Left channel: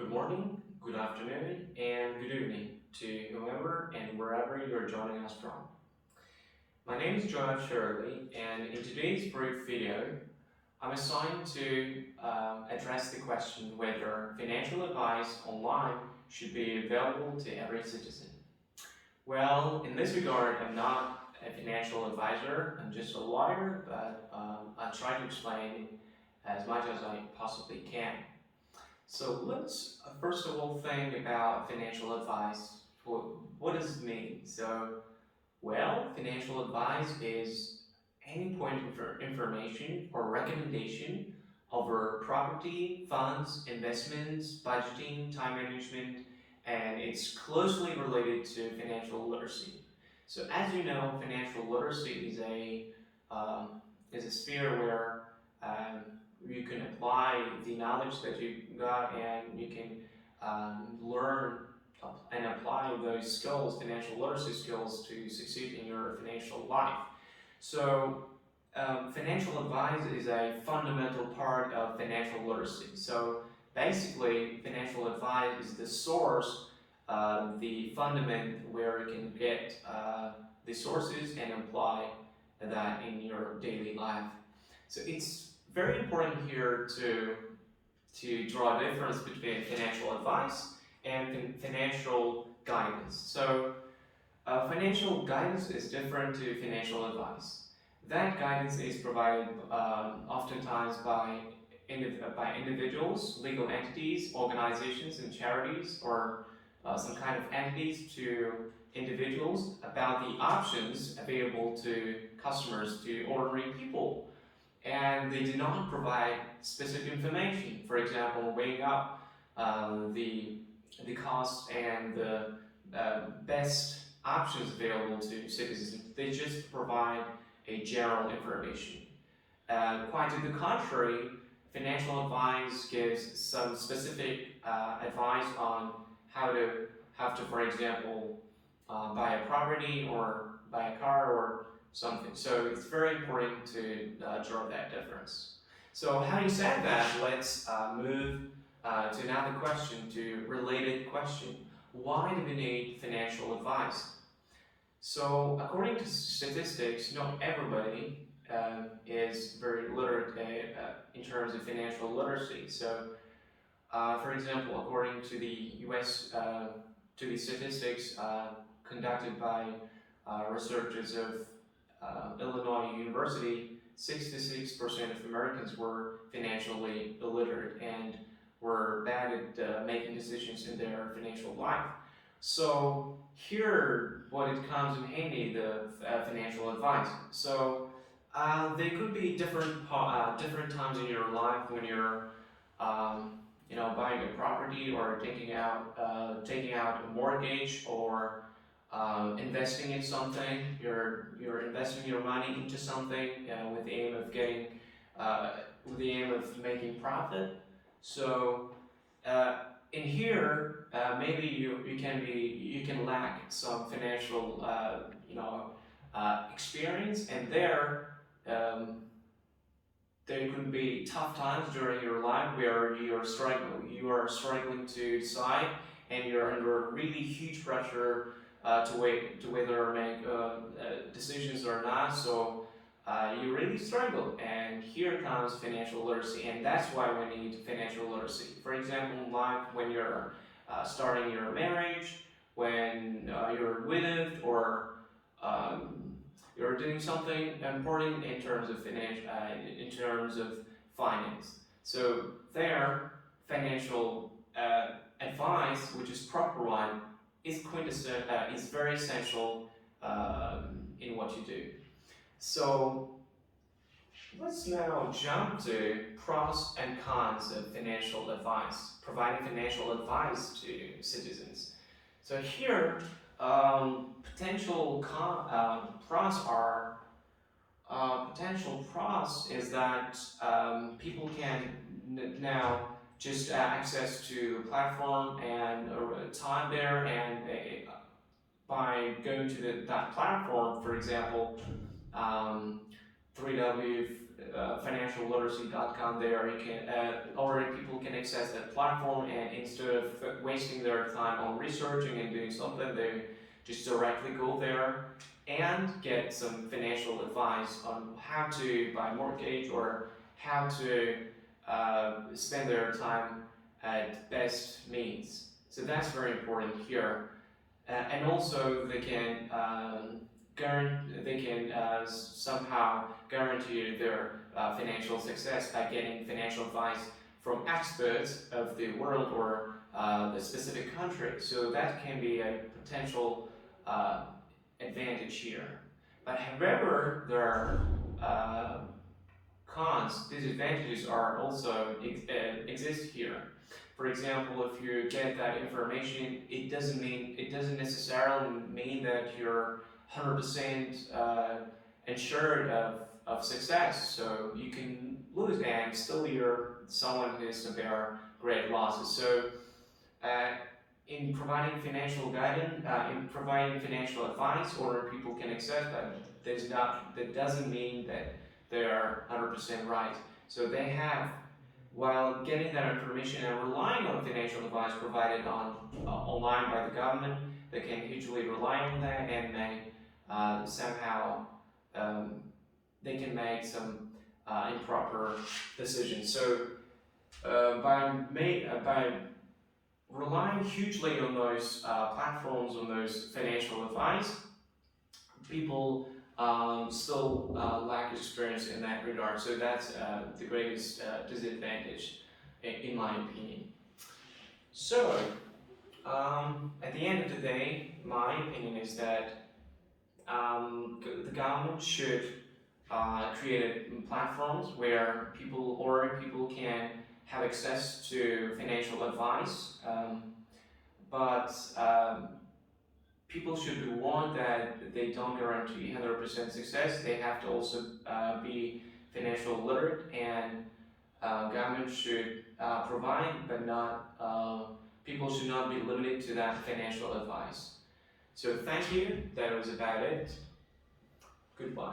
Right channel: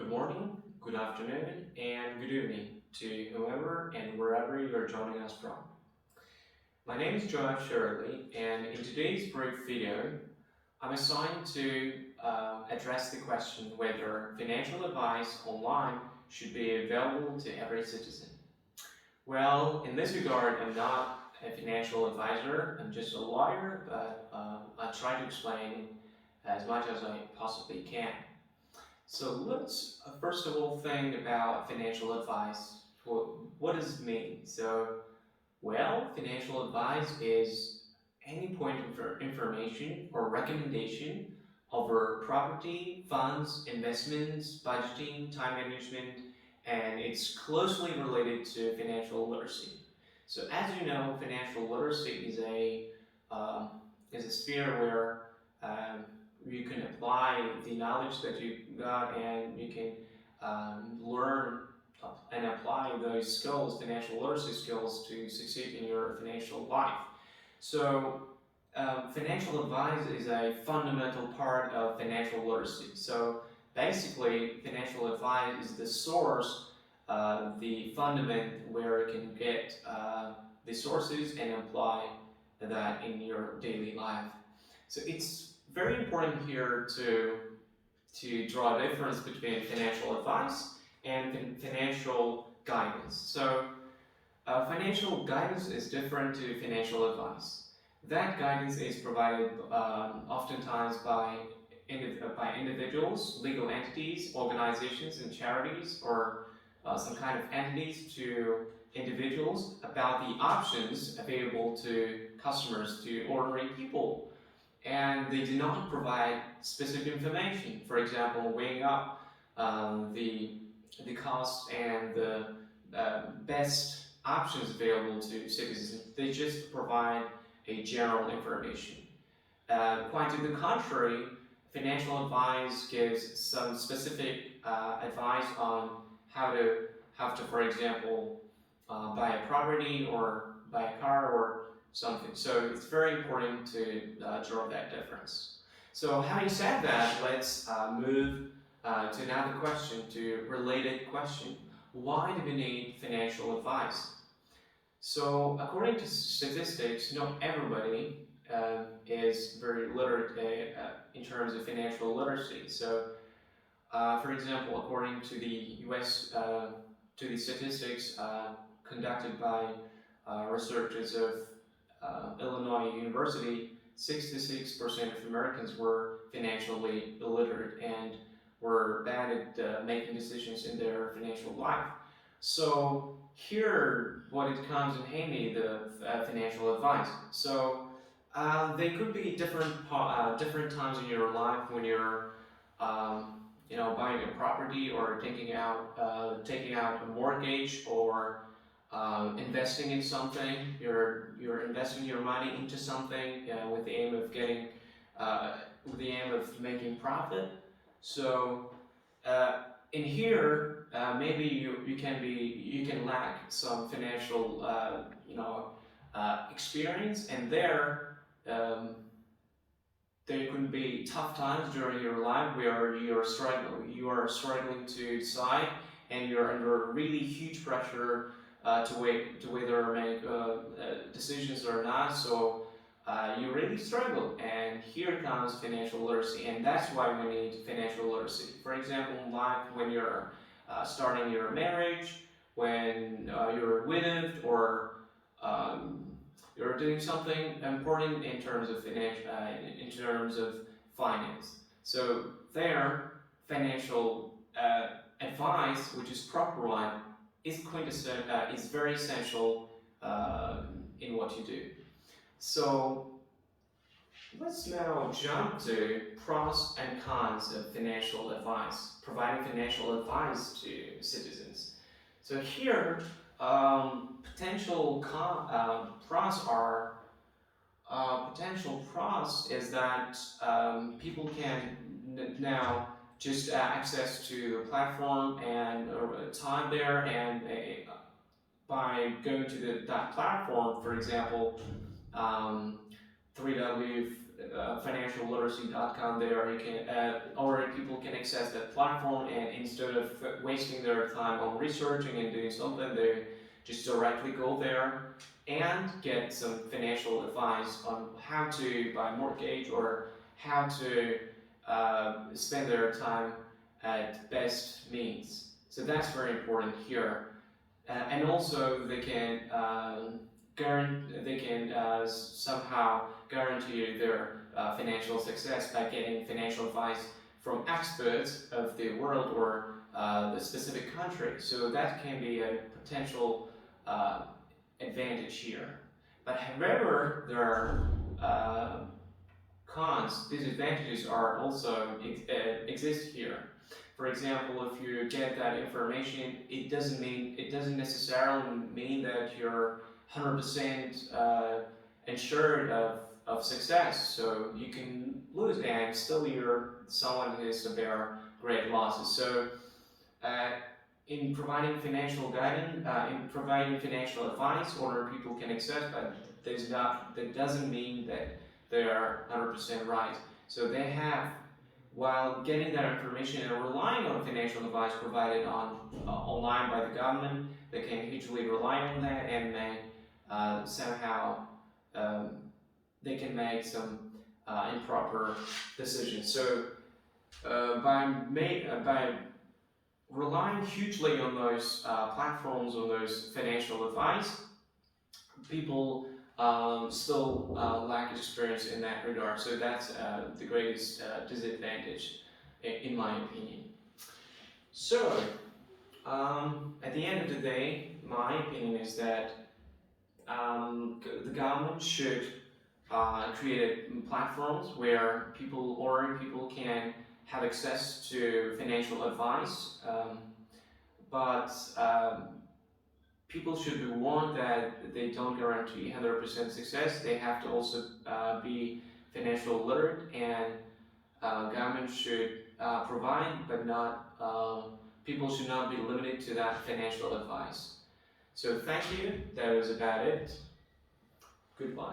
Good morning, good afternoon, and good evening to whoever and wherever you're joining us from. My name is Sherali, and in today's brief video, I'm assigned to address the question whether financial advice online should be available to every citizen. Well, in this regard, I'm not a financial advisor, I'm just a lawyer, but I try to explain as much as I possibly can. So let's first of all think about financial advice. What does it mean? Well, financial advice is any point of information or recommendation over property, funds, investments, budgeting, time management, and it's closely related to financial literacy. So as you know, financial literacy is a sphere where um, you can apply the knowledge that you got and you can learn and apply those skills, financial literacy skills, to succeed in your financial life. So financial advice is a fundamental part of financial literacy. So basically, financial advice is the source, the fundament where you can get the sources and apply that in your daily life. So it's very important here to draw a difference between financial advice and financial guidance. So financial guidance is different to financial advice. That guidance is provided oftentimes by individuals, legal entities, organizations, and charities, or some kind of entities to individuals about the options available to customers, to ordinary people. And they do not provide specific information. For example, weighing up the costs and the best options available to citizens. They just provide a general information. Quite to the contrary, financial advice gives some specific advice on how to, for example, buy a property or buy a car or something. So it's very important to draw that difference. So having said that, let's move to another question, to related question. Why do we need financial advice? So according to statistics, not everybody is very literate in terms of financial literacy. So for example, according to the US, to the statistics conducted by researchers of Illinois University, 66% of Americans were financially illiterate and were bad at making decisions in their financial life. So here, what it comes in handy, the financial advice. So they could be different times in your life when you're buying a property or taking out a mortgage or investing in something. You're investing your money into something with the aim of making profit. So in here, maybe you can lack some financial experience, and there could be tough times during your life where you are struggling to decide, and you're under really huge pressure to whether make decisions or not. So you really struggle, and here comes financial literacy, and that's why we need financial literacy. For example, in life, when you're starting your marriage, when you're widowed, or you're doing something important in terms of finance. So there, financial advice, which is proper one, is very essential in what you do. So let's now jump to pros and cons of financial advice, providing financial advice to citizens. So here, potential pros is that people can now just access to a platform and time there, and by going to that platform, for example, financialliteracy.com. There you can already people can access that platform, and instead of wasting their time on researching and doing something, they just directly go there and get some financial advice on how to buy a mortgage or how to spend their time at best means. So that's very important here. And also they can somehow guarantee their financial success by getting financial advice from experts of the world or the specific country. So that can be a potential advantage here. But however, there are cons, disadvantages are also exist here. For example, if you get that information, it doesn't necessarily mean that you're 100% ensured of success. So you can lose, and still you're someone who is to bear great losses. So in providing financial guidance, in providing financial advice, or people can access, but that doesn't mean that they are 100% right. So they have, while getting that information and relying on financial advice provided on online by the government, they can hugely rely on that and may somehow they can make some improper decisions. So by relying hugely on those platforms, on those financial advice, people still lack experience in that regard. So that's the greatest disadvantage, in my opinion. So, at the end of the day, my opinion is that the government should create platforms where people can have access to financial advice, but people should be warned that they don't guarantee 100% success. They have to also be financial literate, and government should provide, but not people should not be limited to that financial advice. So thank you. That was about it. Goodbye.